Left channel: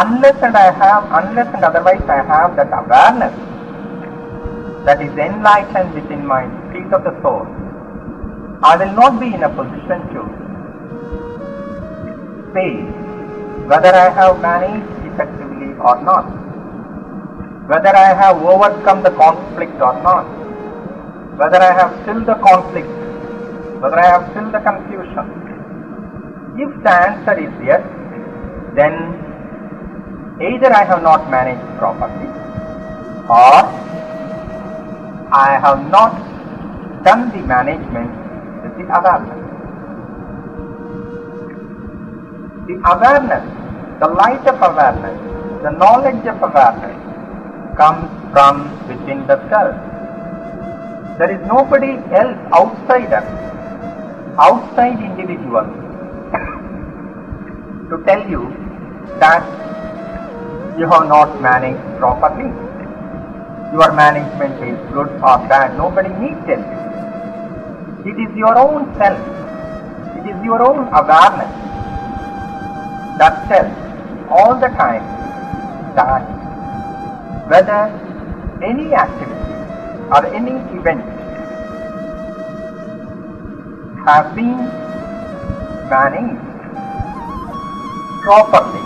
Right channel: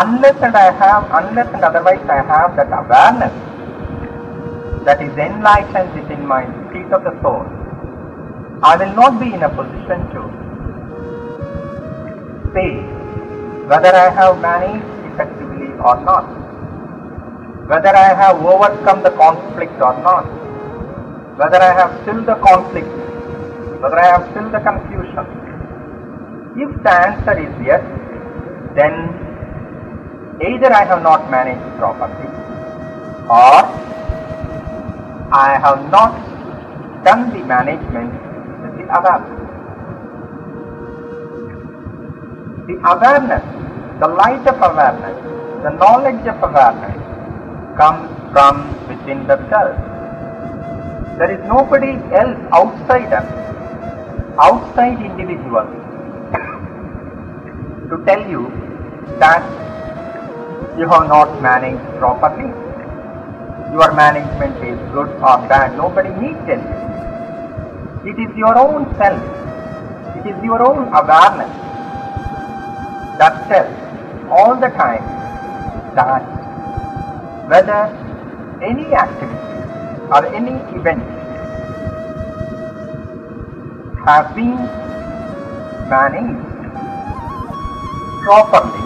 unless and otherwise I have that awareness that is enlightened within my seat of the soul, I will not be in a position to say whether I have managed effectively or not, whether I have overcome the conflict or not, whether I have stilled the conflict, whether I have stilled the confusion. If the answer is yes, then either I have not managed properly or I have not done the management with the awareness. The awareness, the light of awareness, the knowledge of awareness comes from within the self. There is nobody else outside us, outside individual, to tell you that you have not managed properly. Your management is good or bad. Nobody need tell you. It is your own self. It is your own awareness that tells all the time that whether any activity or any event has been managed properly,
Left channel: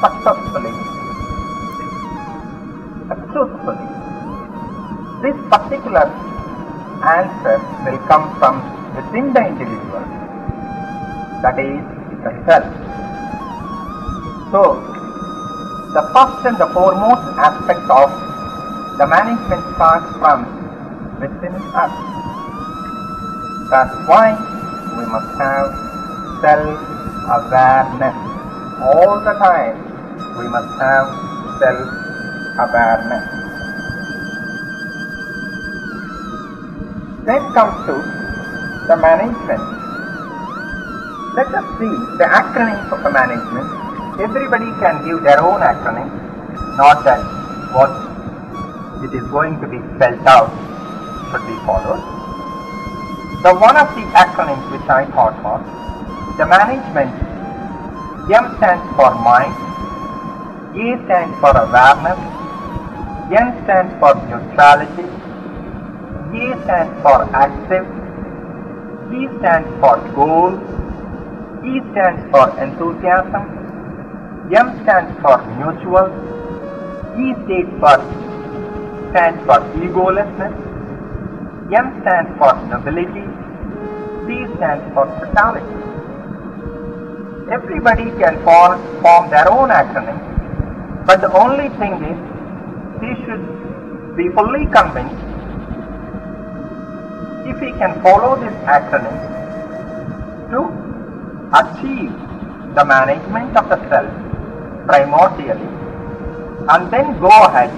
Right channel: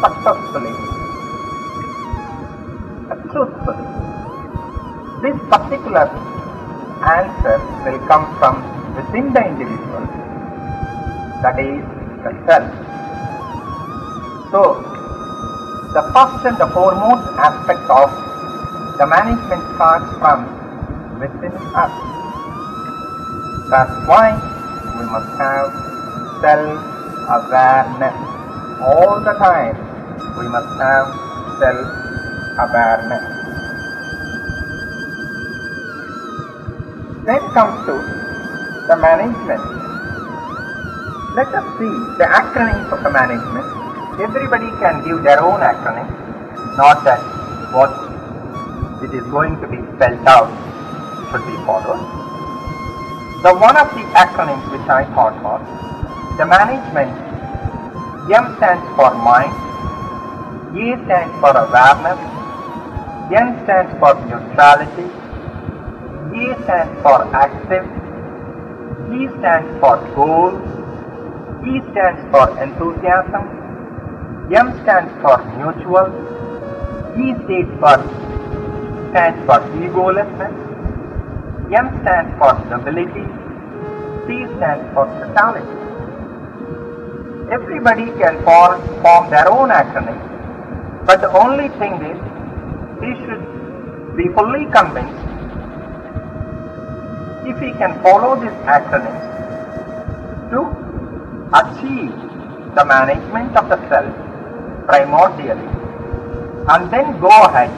successfully, truthfully. This particular answer will come from within the individual, that is the self. So, the first and the foremost aspect of the management starts from within us. That's why we must have self-awareness. All the time we must have self-awareness. Then comes to the management. Let us see the acronyms of the management. Everybody can give their own acronym, not that what it is going to be spelled out should be followed. So one of the acronyms which I thought of, the management, M stands for mind, A stands for awareness, N stands for neutrality, A stands for active, G stands for goal, E stands for enthusiasm, M stands for mutual, E stands for egolessness, N stands for nobility, T stands for totality. Everybody can form their own acronym, but the only thing is he should be fully convinced if he can follow this acronym to achieve the management of the self primordially, and then go ahead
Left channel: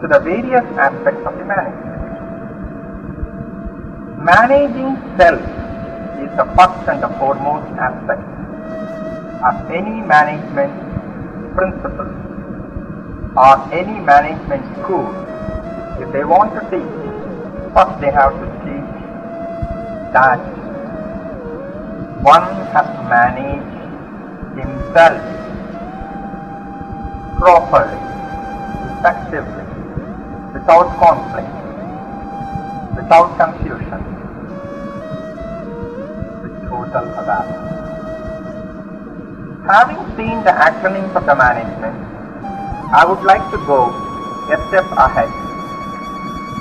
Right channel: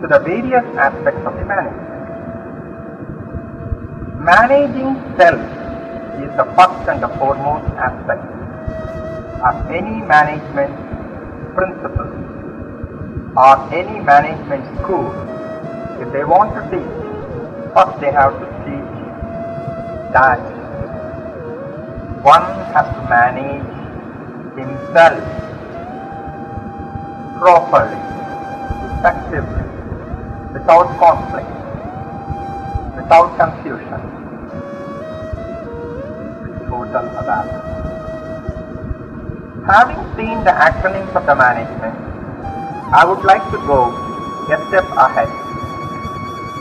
to the various aspects of the management. Managing self is the first and the foremost aspect of any management principle or any management school. If they want to teach, first they have to teach that one has to manage himself properly, effectively, without conflict, without confusion, with total awareness. Having seen the acronyms of the management, I would like to go a step ahead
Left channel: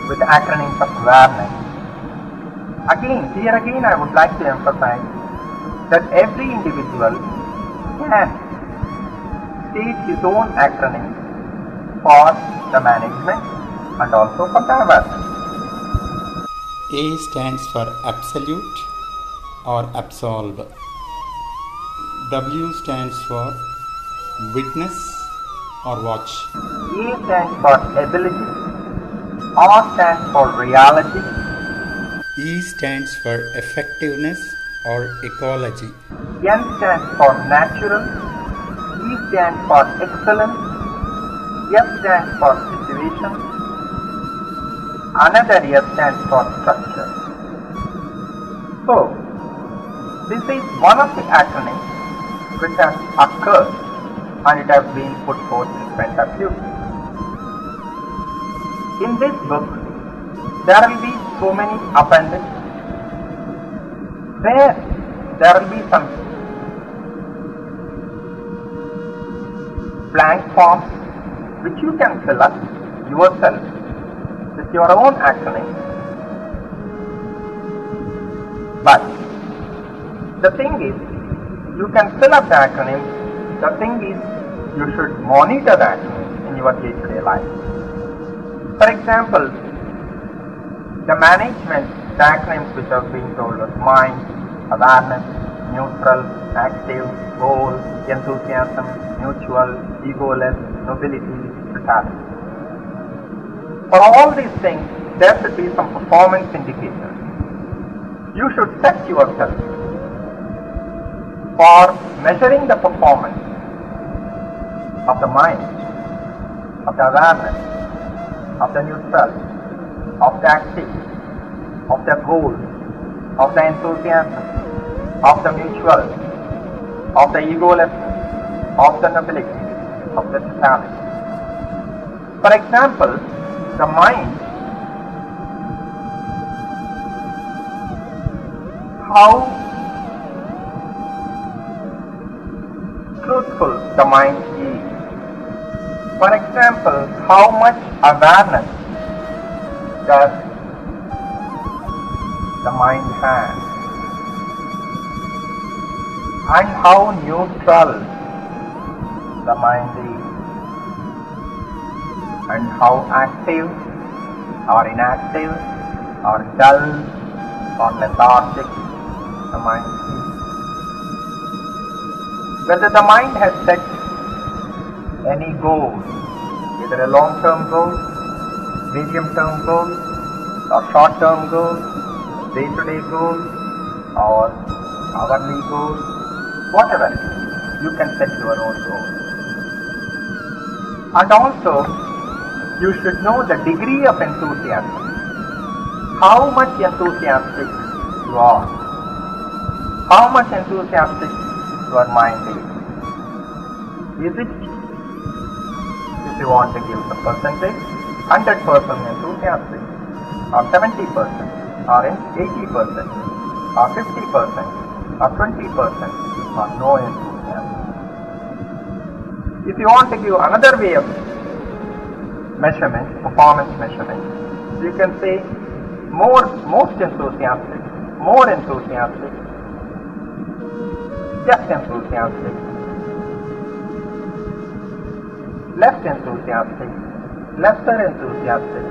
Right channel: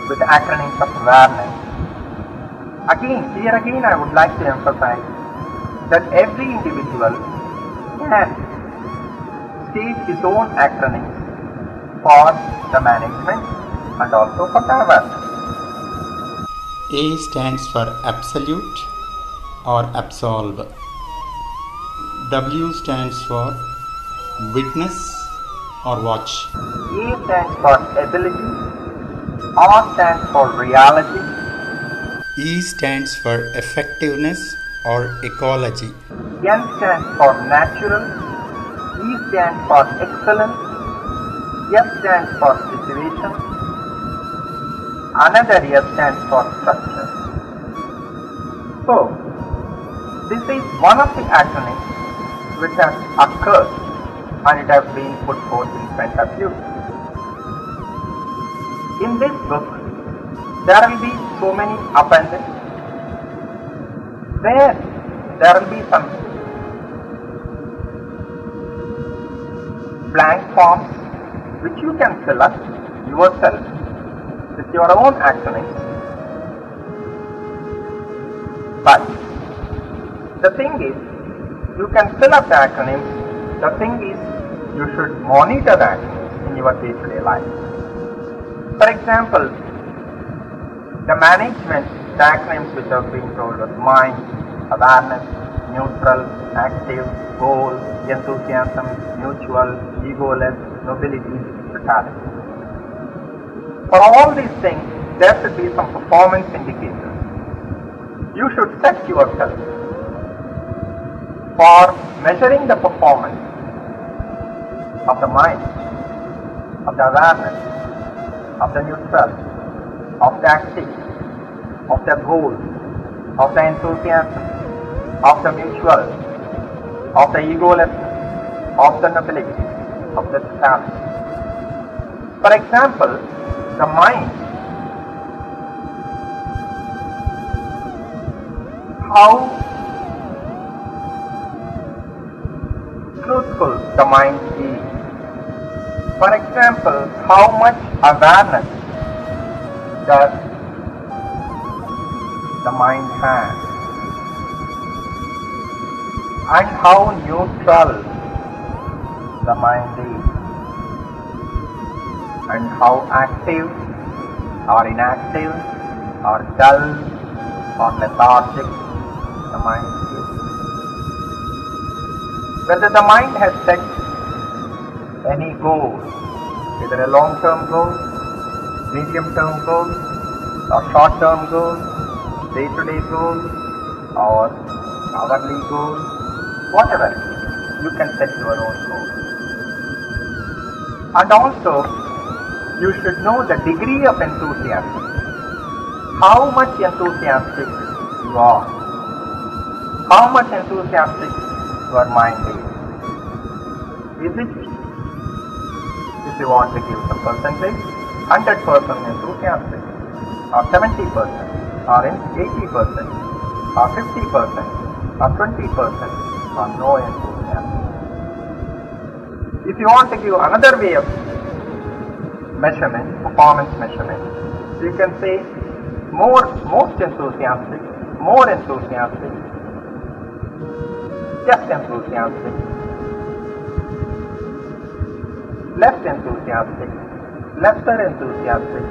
with the acronyms of awareness. Here again I would like to emphasize that every individual can state his own acronyms for the management and also for the awareness. A stands for absolute or absolve. W stands for witness or watch. A stands for ability. R stands for reality. E stands for effectiveness or ecology. N stands for natural. E stands for excellence. S stands for situation. Another S stands for structure. So, this is one of the acronyms which has occurred and it has been put forth in front of you. In this book, there will be so many appendix where there will be some blank forms which you can fill up yourself with your own acronyms. But the thing is, you can fill up the acronyms. The thing is, you should monitor the acronyms in your day-to-day life. For example, the management, the acronyms which have been told as mind, awareness, neutral, active, goal, enthusiasm, mutual, egoless, nobility, totality. For all these things, there should be some performance indicators. You should set yourself for measuring the performance of the mind, of the awareness, of the neutral, of the active, of the goal, of the enthusiasm, of the mutual, of the egoless, of the nobility, of the totality. For example, the mind, how truthful the mind is. For example, how much awareness does the mind have, and how neutral the mind is, and how active or inactive or dull or lethargic the mind is. Whether the mind has set any goal, either a long-term goal, medium-term goal, or short-term goal, day-to-day goal, or hourly goal, whatever, you can set your own goal. And also, you should know the degree of enthusiasm. How much enthusiastic you are. How much enthusiastic your mind is. Is it, if you want to give the percentage, 100% enthusiastic, or 70%, or 80%, or 50%, or 20%, or no enthusiasm? If you want to give another way of measurement, performance measurement, you can say most enthusiastic, more enthusiastic, just enthusiastic, less enthusiastic, lesser enthusiastic,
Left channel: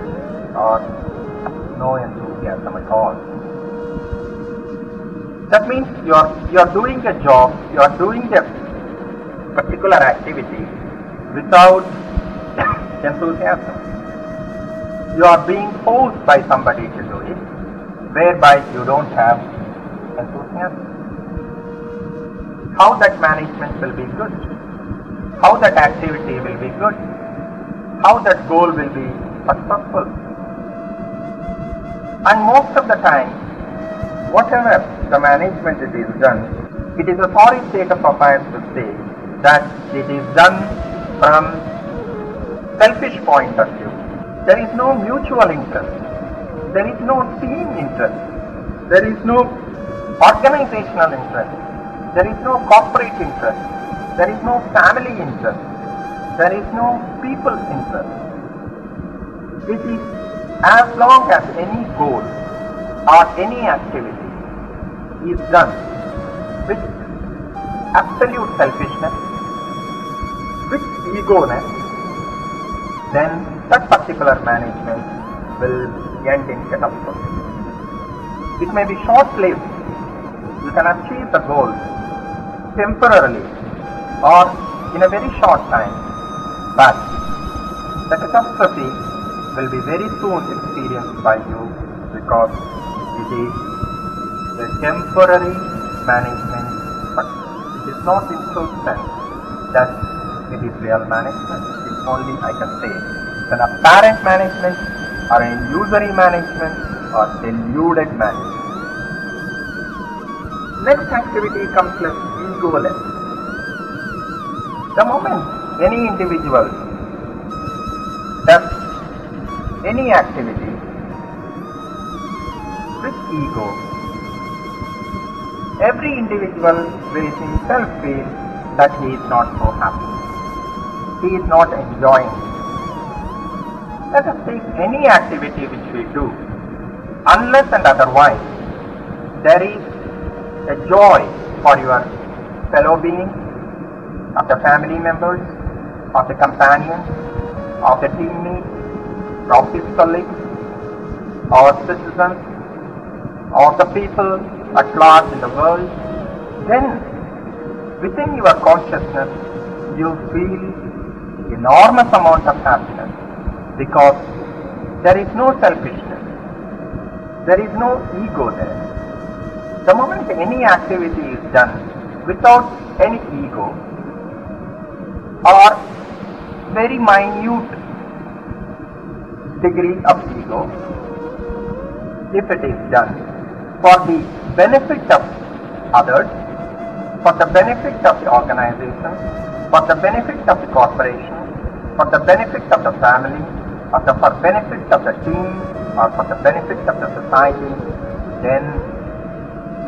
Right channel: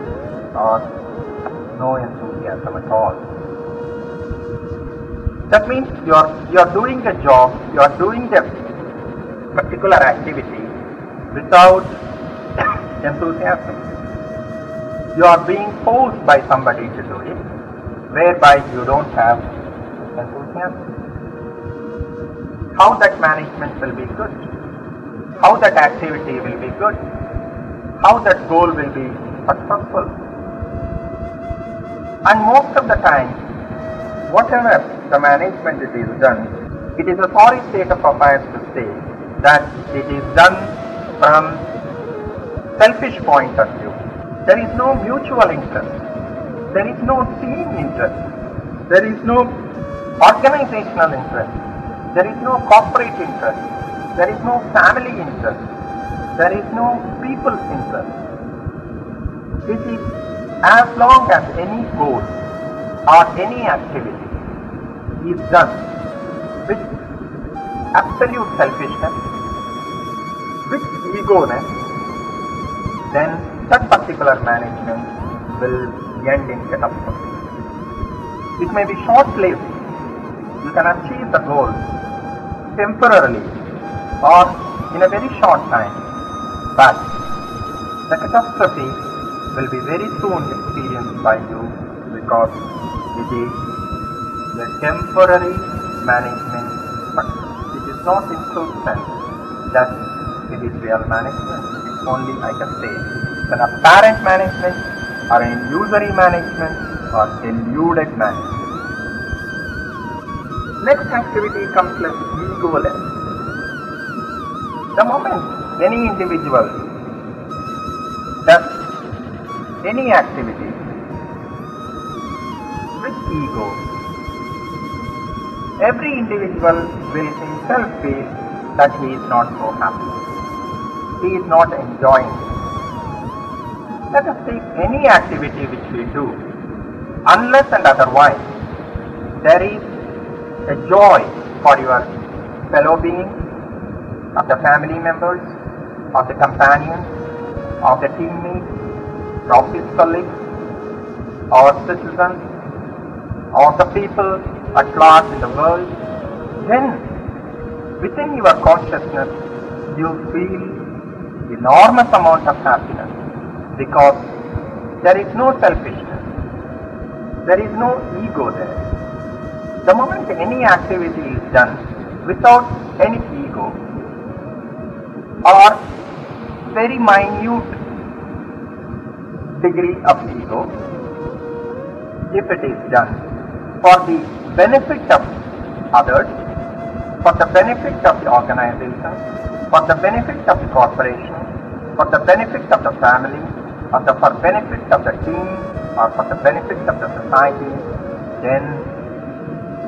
or no enthusiasm at all. That means you are doing a job, you are doing a particular activity without enthusiasm. You are being forced by somebody to do it, whereby you don't have enthusiasm. How that management will be good? How that activity will be good? How that goal will be successful? And most of the time, whatever the management it is done, it is a sorry state of affairs to say that it is done from selfish point of view. There is no mutual interest. There is no team interest. There is no organizational interest. There is no corporate interest. There is no family interest. There is no people's interest. It is as long as any goal or any activity is done with absolute selfishness, with egoness, then that particular management will end in catastrophe. It may be short-lived. You can achieve the goal temporarily or in a very short time, but the catastrophe will be very soon experienced by you because it is a temporary management. It is not in full sense that it is real management. It is only, I can say, it's an apparent management or an illusory management or deluded management. Next activity comes like egoless. The moment any individual does any activity with ego, every individual will himself feel that he is not so happy. He is not enjoying. Let us take any activity which we do. Unless and otherwise, there is a joy for your fellow beings, of the family members, of the companions, of the teammates, office colleagues, or citizens, or the people at large in the world, then within your consciousness you feel enormous amount of happiness, because there is no selfishness, there is no ego there. The moment any activity is done without any ego or very minute degree of ego, if it is done for the benefit of others, for the benefit of the organization, for the benefit of the corporation, for the benefit of the family, or for the benefit of the team, or for the benefit of the society, then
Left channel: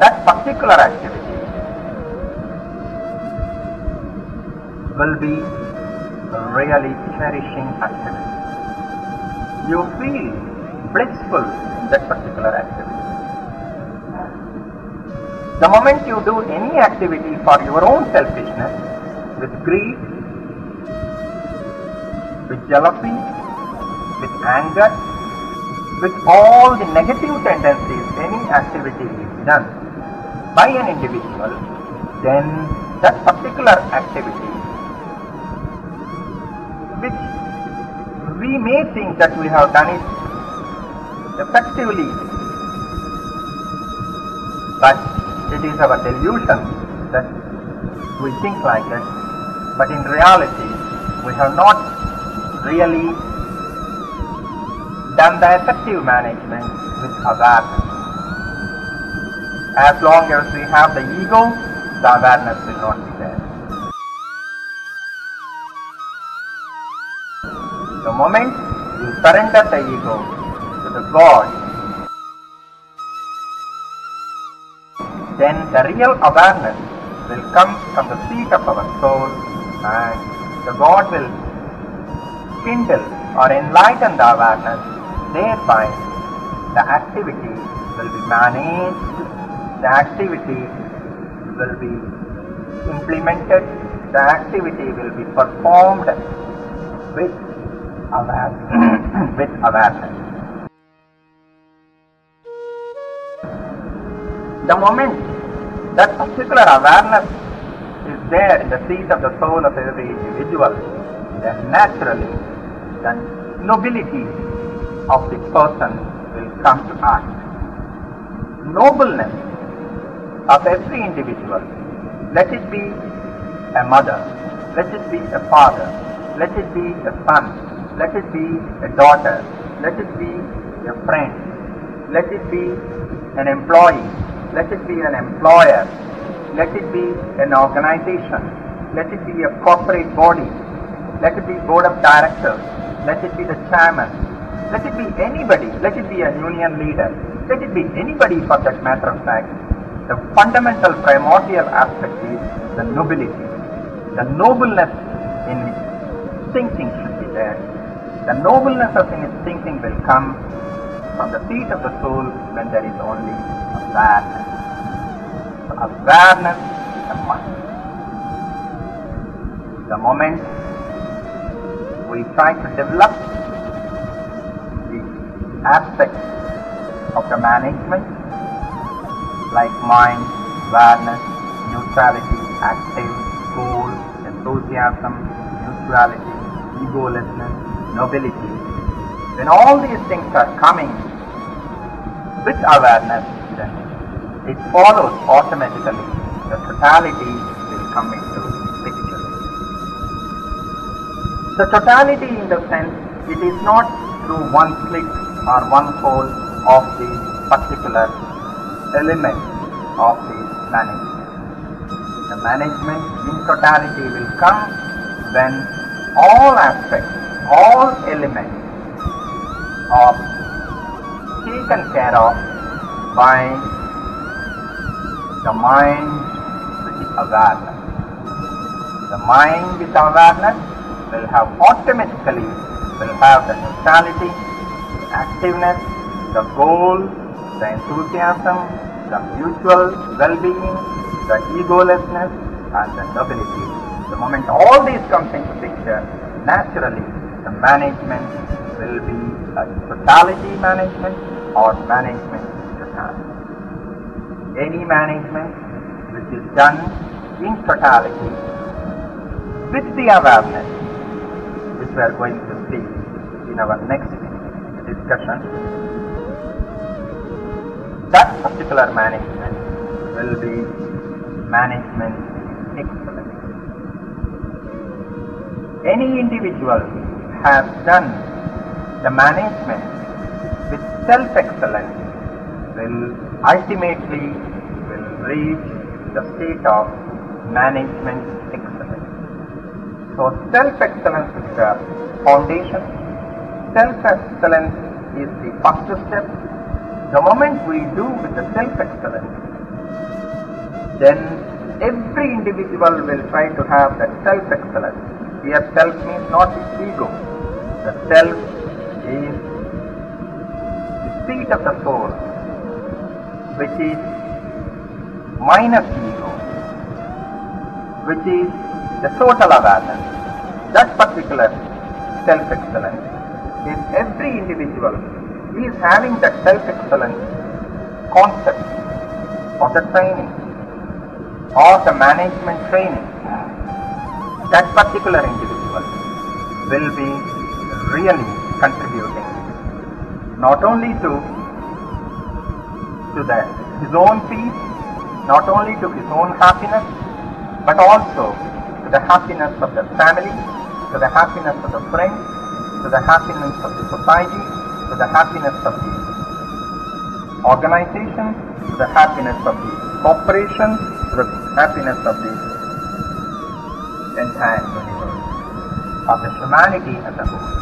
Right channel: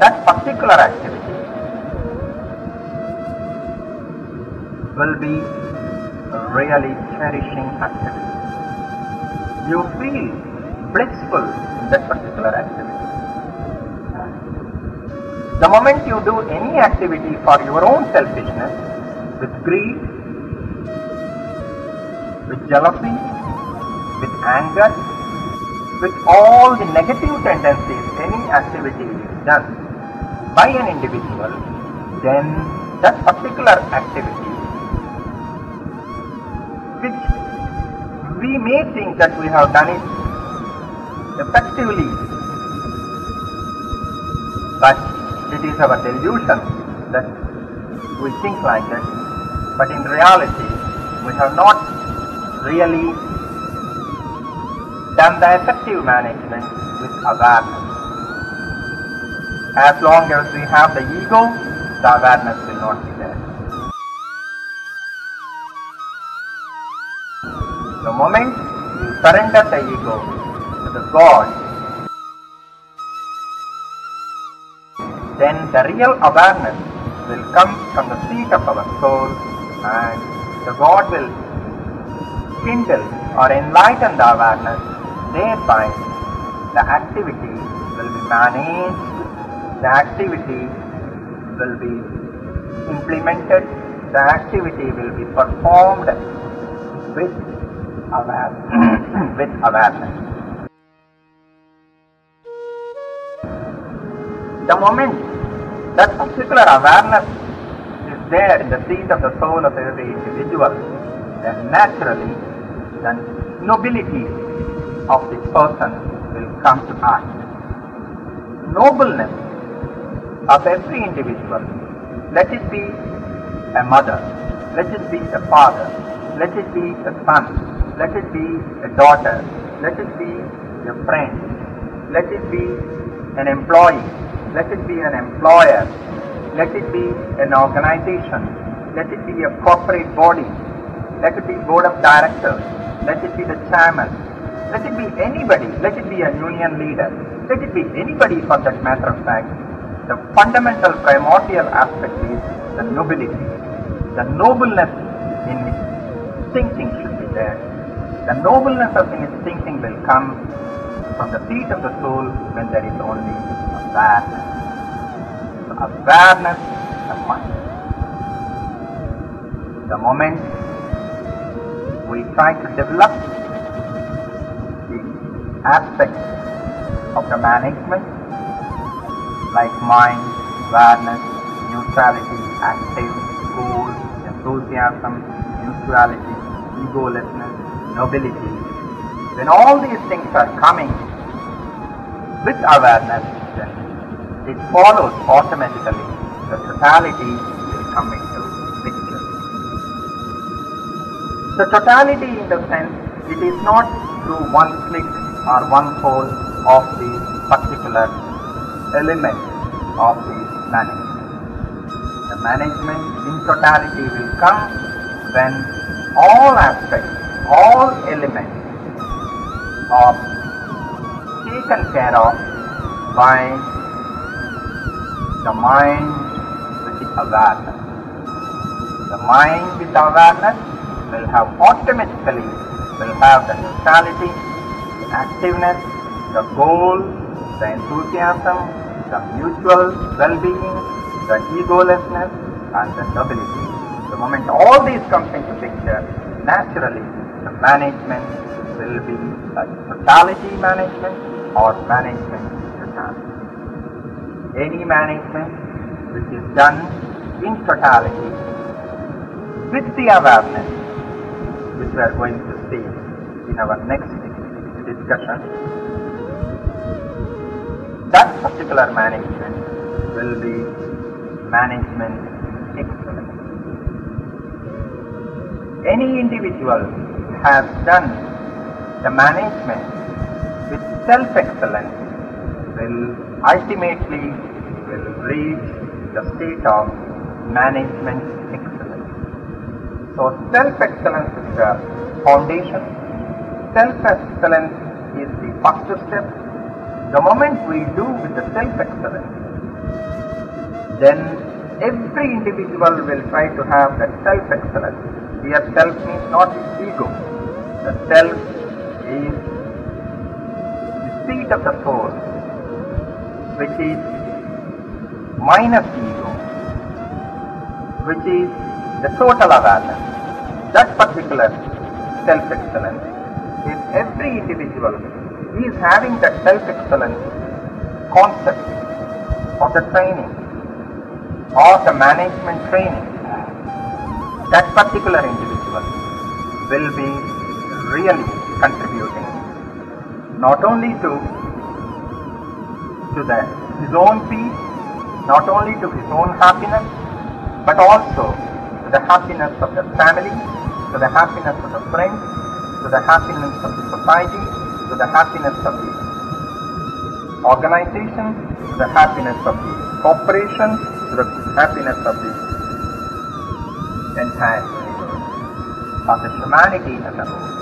that particular activity will be a really cherishing activity. You feel blissful in that particular activity. The moment you do any activity for your own selfishness, with greed, with jealousy, with anger, with all the negative tendencies, any activity is done by an individual, then that particular activity, which we may think that we have done it effectively, but it is our delusion that we think like that. But in reality, we have not really done the effective management with awareness. As long as we have the ego, the awareness will not be there. The moment you surrender the ego to the God, then the real awareness will come from the seat of our soul, and the God will kindle or enlighten the awareness. Thereby the activity will be managed, the activity will be implemented, the activity will be performed with awareness. The moment that particular awareness is there in the seat of the soul of every individual, then naturally the nobility of the person will come to us. Nobleness of every individual, let it be a mother, let it be a father, let it be a son, let it be a daughter, let it be a friend, let it be an employee, let it be an employer, let it be an organization, let it be a corporate body, let it be board of directors, let it be the chairman, let it be anybody, let it be a union leader, let it be anybody for that matter of fact. The fundamental primordial aspect is the nobility. The nobleness in its thinking should be there. The nobleness in its thinking will come from the seat of the soul when there is only awareness. Awareness and the moment we try to develop the aspects of the management like mind, awareness, neutrality, active, cool, enthusiasm, mutuality, egolessness, nobility, when all these things are coming with awareness, then it follows automatically the totality will come into picture. The totality in the sense, it is not through one click or one hole of the particular element of the management. The management in totality will come when all aspects, all elements are taken care of by the mind with the awareness. The mind with awareness will have automatically the neutrality, the activeness, the goal, the enthusiasm, the mutual well-being, the egolessness, and the stability. The moment all these comes into picture, naturally the management will be a totality management or management in totality. Any management which is done in totality with the awareness, which we are going to see in our next discussion, that particular management will be management excellence. Any individual has done the management with self-excellence will ultimately reach the state of management excellence. So self-excellence is the foundation. Self-excellence is the first step. The moment we do with the self-excellence, then every individual will try to have that self-excellence. Here self means not ego. The self is the seat of the force, which is minus ego, which is the total awareness. That particular self-excellence, if every individual is having that self-excellence concept or the training or the management training, that particular individual will be really contributing not only to his own peace, not only to his own happiness, but also to the happiness of the family, to the happiness of the friends, to the happiness of the society, to the happiness of the organization, to the happiness of the corporation, to the happiness of the entire universe, of the humanity as a whole.